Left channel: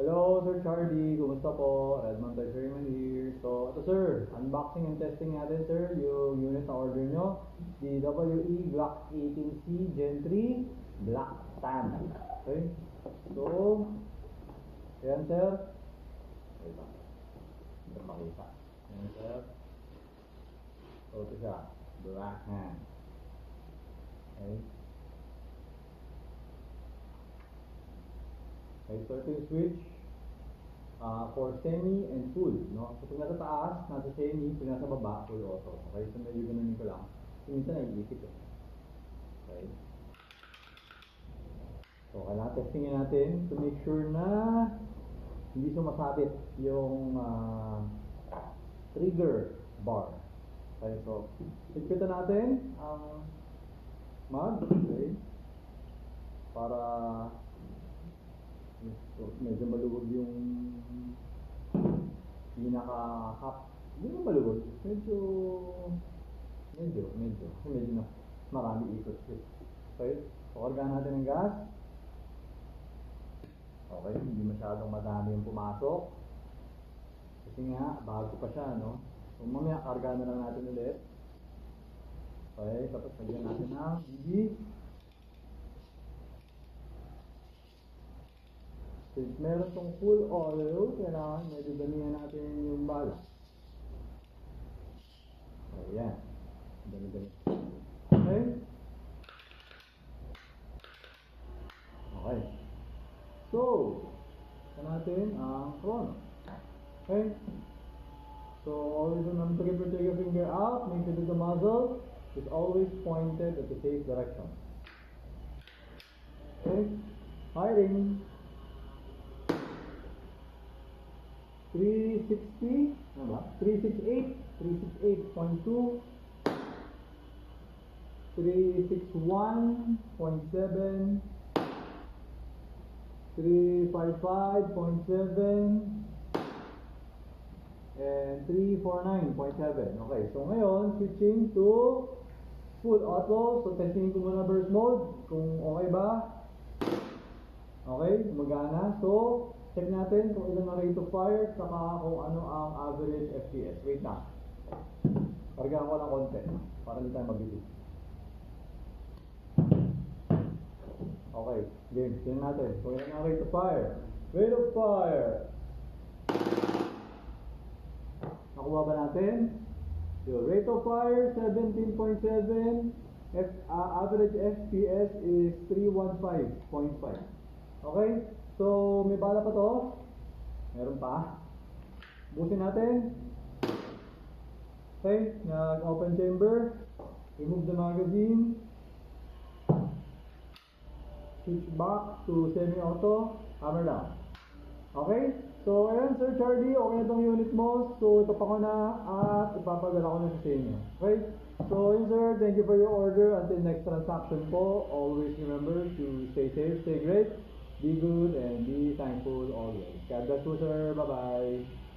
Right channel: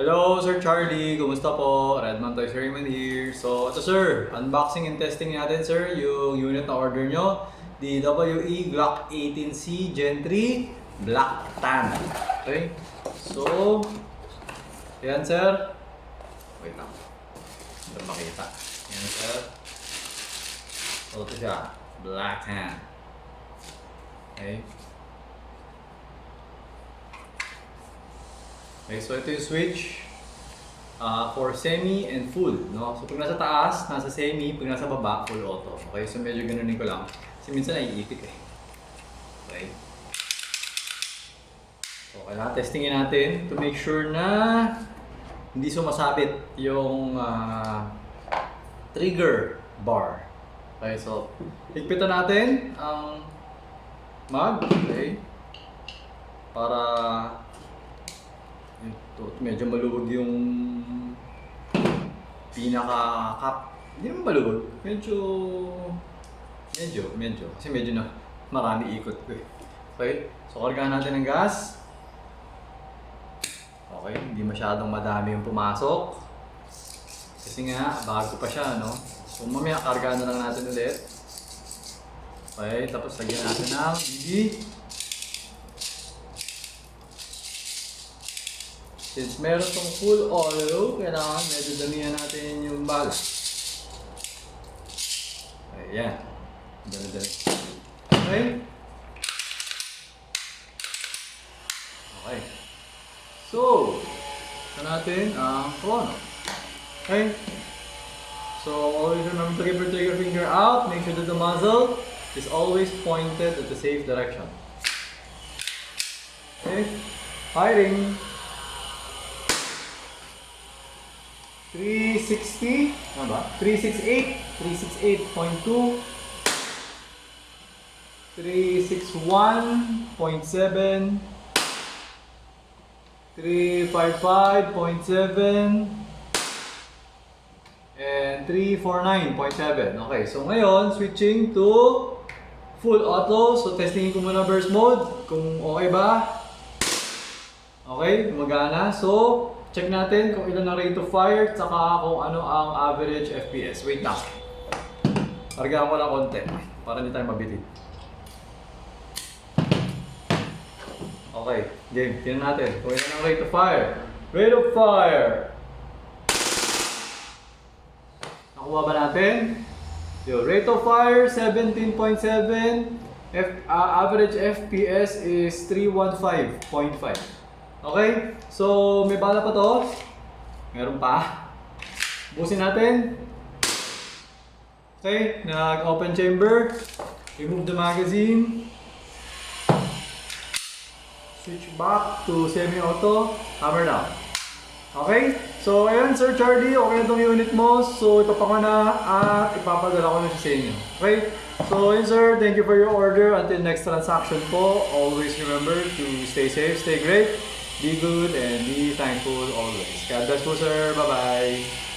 Hello, Sir Charlie. Kumusta po? Redman Toys Raymond here. So, ito sir, unboxing and testing natin sir yung unit na order nyo. The WE Glock 18C Gen 3 Black Tan. Okay? So, yan sir. Wait lang. Hindi makita. Yan sir. So, ito siya. Black Tan. Okay? Okay, so ito yung switch for semi and full, no? So pag nasa taas, nasa semi, pag nasa baba, full auto. Okay, so medyo ganunin ko lang. Kasi minsan naiipit eh. Okay. So kailangan testingin natin to make sure na hindi sumasabit yung trigger bar. Okay, so higpitan natin ang mag, okay? Para ito, medyo maluwag yung pinaka-cap. Hindi naman maluwag. Medyo. Kasi medyo na marami ikot ko eh. Okay? So, kargahan natin ng gas. Okay, hindi masyadong madami yung pumasok. Kasi nga, bago pa siya, no? So, mamaya kargahan na lang natin ulit. Okay, tapos lagyan natin ng BB. Since meron tong full oil, kailangan medyo damihan natin yung bala. Ayan. Dami. Okay? Okay. So, ito natin ang chrono. Okay? So, always remember to keep your trigger finger out. Make sure that the muzzle is always pointed at the safe direction. Okay? Firing. 360, ano ba? 368, 368.2, 361.7, 355.7, and 349.7. Okay, so ngayon, switching to full auto. So, testingin ko muna burst mode, kung okay ba. Okay, gumagana. So, check natin kung ilan ang rate of fire saka kung ano ang average FPS. Wait lang. Kargaan ko lang konti para hindi tayo mabilib. Okay, game. Tingnan natin kung ilan ang rate of fire. Rate of fire! Nakuha ba natin? Yo, rate of fire 17.7. Average FPS is 315.5. Okay, so may bala pa to. Meron pa. Busin natin. Okay, nag-open chamber. Remove the magazine. Switch back to semi-auto. Hammer down. Okay, so ayan Sir Charlie, okay na itong unit mo. So ito pa ko na at ipapadala ko na siya sa inyo. Okay, so yun sir, thank you for your order. Until next transaction po, always remember to stay safe, stay great. Be good and be thankful always. God bless po sir. Bye-bye.